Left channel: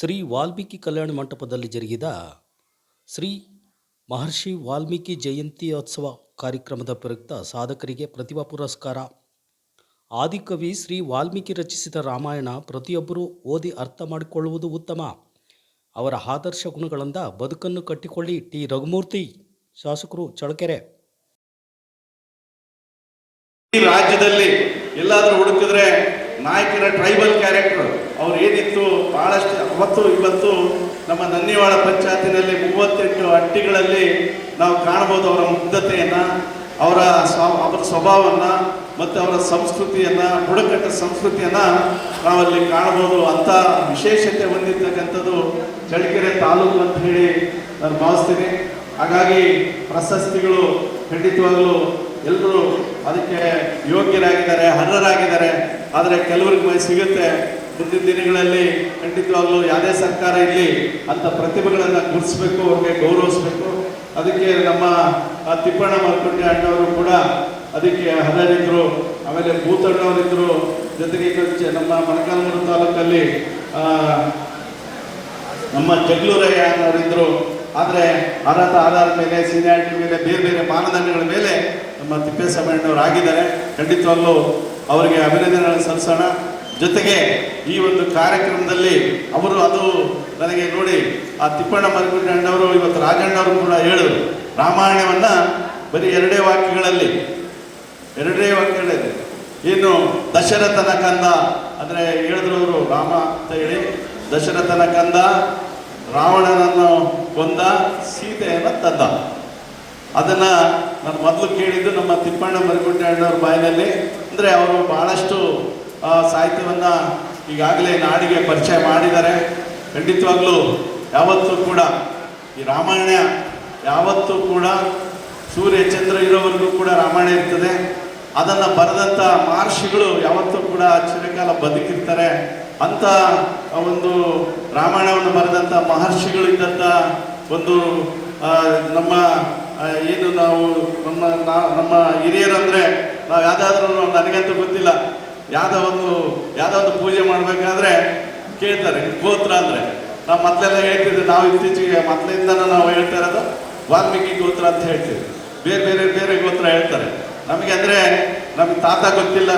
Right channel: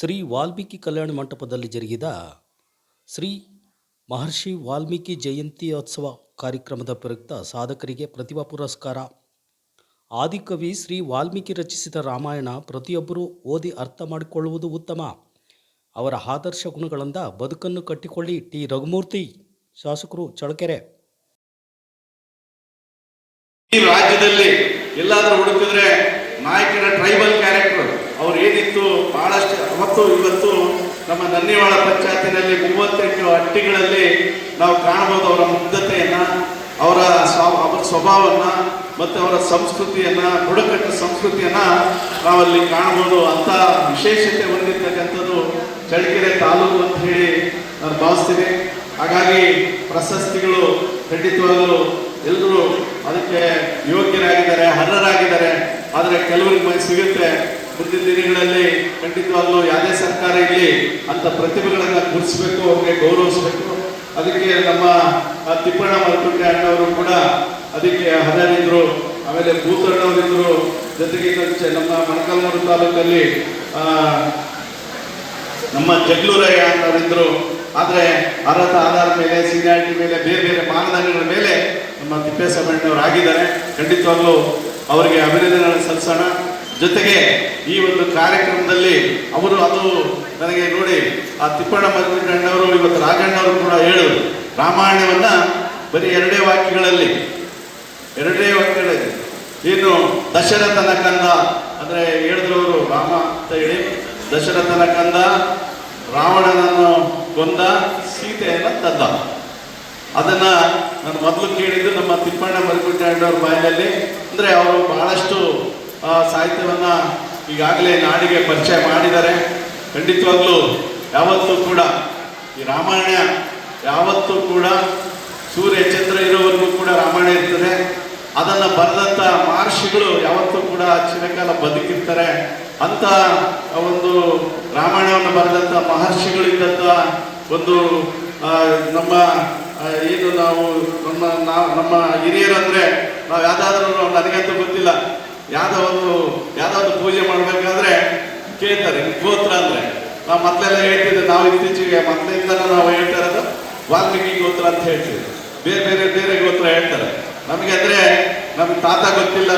ಶ್ರೀ ವಾಲ್ಮೀಕಿ ಕಲ್ಯಾಣ ಮಂಟಪದಲ್ಲಿ ಜರುಗಿದ ಶ್ರೀ ಮಹರ್ಷಿ ವಾಲ್ಮೀಕಿ ಜಯಂತ್ಯೋತ್ಸವ ಕಾರ್ಯಕ್ರಮದ ಪ್ರಯುಕ್ತ ಸಾಧಕರಿಗೆ ಪ್ರತಿಭಾ ಪುರಸ್ಕಾರ. ಆದಿಕವಿ ಶ್ರೀ ವಾಲ್ಮೀಕಿ ರಚಿಸಿದ ರಾಮಾಯಣ ಪ್ರತಿಯೊಬ್ಬರೂ ಓದಿ ಅರ್ಥ ಮಾಡಿಕೊಳ್ಳುವುದು ಉತ್ತಮ. ಅವರ ಆದರ್ಶ ಗುಣಗಳಿಂದ ಬದುಕನ್ನು ಕಟ್ಟಿಕೊಳ್ಳಿ. ಟಿ ರಘುಮೂರ್ತಿ, ಶಾಸಕರು, ಚಳ್ಳಕೆರೆ. ಈ ರಾಜ್ಯದಲ್ಲಿ ಎಲ್ಲಾದರೂ ಹುಡುಕಿದ್ರೆ ನಾಯಕರ ಟ್ರೈಬಲ್ ಕ್ಯಾರೆಕ್ಟರ್ ಅವ್ರು ಏನಿತ್ತು ಬಹಳಷ್ಟು. ಅವತ್ತು ಇವತ್ತು ನಮ್ಮ ನನ್ನಿವಾಳ ಪಂಚಾಯತಿನಲ್ಲಿ 38 ಹಟ್ಟಿಗಳಲ್ಲಿ ನಾವು ಕಾಣಬಹುದು ಅವರ ಮುಗ್ಧತೆಯನ್ನು, ಅವರ ಸ್ವಭಾವವನ್ನು ಮತ್ತು ಅವರ ಸಂಸ್ಕೃತಿಯನ್ನು, ಬುಡಕಟ್ಟು ಸಂಸ್ಕೃತಿಯನ್ನು ನಾವಲ್ಲಿ ಕಾಣಬಹುದು. ಅಂಥ ವಿಶೇಷತೆ ಹೊಂದಿರತಕ್ಕಂಥದ್ದು ಚಳ್ಳಕೆರೆ ತಾಲೂಕು ಅಂತ ಹೇಳಿ ನಾನು ಭಾವಿಸ್ತೀನಿ. ಹಾಗಾಗಿ ಪ್ರಶಸ್ತಿಗಳು ಖಂಡಿತವಾಗಲೂ ಎಲ್ಲರೂ ಅದಕ್ಕೆ ಯೋಗ್ಯರಾಗಿದ್ದಾರೆ, ಅರ್ಹರಾಗಿದ್ದಾರೆ. ಆದರೆ ಕೆಲವರಿಗೆ ಸಿಗುತ್ತೆ. ಮುಂದಿನ ದಿನಗಳಲ್ಲಿ ಖಂಡಿತವಾಗಲೂ ಯಾವುದೇ ಸರ್ಕಾರ ಇಲ್ಲಿ ಅಂಥ ಪ್ರತಿಭೆಗಳನ್ನು ಗುರುತಿಸಬೇಕು, ಅವ್ರಿಗೆ ಗೌರವಿಸಬೇಕು. ಅದಕ್ಕೆ ನಮ್ಮ ತಿಪ್ಪಣ್ಣ ಮಲ್ಕುಂಟೆ ಅಣ್ಣವರು ಕೂಡ ಅದಕ್ಕೆ ಅರ್ಹರಿದ್ದರು. ಆಮೇಲೆ ಭೂತಣ್ಣವರಿದ್ದರು. ಜೊತೆಗೆ ನಮ್ಮ ಮೊಳಕಾಲ್ಮೂರು ತಾಲೂಕಲ್ಲಿ ನಮ್ಮ ಜಗ್ಲೂರಯ್ಯ ಅನ್ನೋರಿದ್ದರು. ಆದರೆ ಅರ್ಹತೆ ಆಧಾರದ ಮೇಲೆ, ಸೀನಿಯಾರಿಟಿ ಮೇಲೆ, ಬೇರೆ ಬೇರೆ ಮಾನದಂಡಗಳ ಮೇಲೆ ನಮ್ಮ ತಿಪ್ಪೇಸ್ವಾಮಿಯವರು ಆಗಿದ್ದಾರೆ. ಖಂಡಿತವಾಗ್ಲೂ ಅವರಿಗೆ ಅಭಿನಂದನೆಗಳನ್ನು ಸಲ್ಲಿಸೋಣ. ಜೊತೆಗೆ ಈ ಒಂದು ಕಾರ್ಯಕ್ರಮದಲ್ಲಿ ಅವರು ಅದು ನನಗೆ ನೋಡಿ ಆ ತಿಪ್ಪಣ್ಣ ಮಲ್ಕುಂಡಣ್ಣವರು ಇವತ್ತು ರಾಜಣ್ಣವರು ಕೂಡ ಹೇಳಿದ್ರು, ರಾಮಾಯಣವನ್ನು ಬರೀ ಎರಡೇ ವಾಕ್ಯಗಳಲ್ಲಿ ಏನು ದಶರಥನ ಕಂದ ಅಂದರೆ ಹೇಳಿದ್ರು ಅವರು, ರಾಮ ಅಂತ ಹೇಳಿ ದಶರಥನ ಕಂದ, ರಾವಣನನ್ನು ಕೊಂದ, ಸೀತೆಯನ್ನು ತಂದ. ಅದನ್ನು ನಾನು ಮೊದಲು ಕೇಳಿದ್ದು ನಮ್ಮ ತಿಪ್ಪಣ್ಣ ಮಲ್ಕುಂಟೆ ಅಣ್ಣವ್ರ ಬಾಯಿನಲ್ಲಿ. ಅಂದರೆ ಅವರು ಬಹಳಷ್ಟು ಸಾಹಿತ್ಯವನ್ನು ಈಗಾಗಲೇ ನಾಡಿಗೆ ಪರಿಚಯ ಮಾಡಿದ್ದಾರೆ. ಖಂಡಿತವಾಗ್ಲೂ ಯಾವತ್ತೂ ಕೂಡ ಈ ರಾಮಾಯಣ ಯಾವತ್ತೂ ಕೂಡ ಸೂರ್ಯ ಚಂದ್ರ ಇರೋವರೆಗೂ ಕೂಡ ರಾಮಾಯಣ ಇರ್ತದೆ. ಅದನ್ನು ಬರೆದಂಥ ಮಹರ್ಷಿಗಳು ಯಾವತ್ತೂ ಕೂಡ ಚಿರಕಾಲ ಬದುಕಿರ್ತಾರೆ. ಅಂಥ ಒಂದು ರಾಮಾಯಣವನ್ನು ಬರೆದಂಥ ಮಹರ್ಷಿಗಳಿದ್ದಂಥ ಒಂದು ನಮ್ಮ ಏನು ನಾವು ನಮ್ಮ ಹಿರಿಯರಂದರೆ ನಾವು ಯಾವುದಾದ್ರೂ ನನಗಂತೂ ಗೊತ್ತಿಲ್ಲ, ಯಾವುದೋ ಒಂದು ಪೂಜೆ ಮಾಡಬೇಕಾದ್ರೆ ಕೇಳ್ತಾರೆ ಗೋತ್ರ ಅಂದರೆ. ನಾವು ಮೊದಲೆಲ್ಲ ಹೇಳ್ತಿದ್ದೆ, ನಾವು ಇತ್ತೀಚೆಗೆ ಮೊದಲಿಂದ ನಾವು ಹೇಳ್ತಾ ಇರೋದು ವಾಲ್ಮೀಕಿ ಗೋತ್ರ ಅಂತ ಹೇಳ್ತೀವಿ. ಬೇರೆ ಬೇರೆ ಗೋತ್ರ ಹೇಳ್ತಾರೆ ನಮಗೆ. ಅಂದರೆ ನಮ್ಗೆ ತಾತ ಗೊತ್ತಿಲ್ಲ.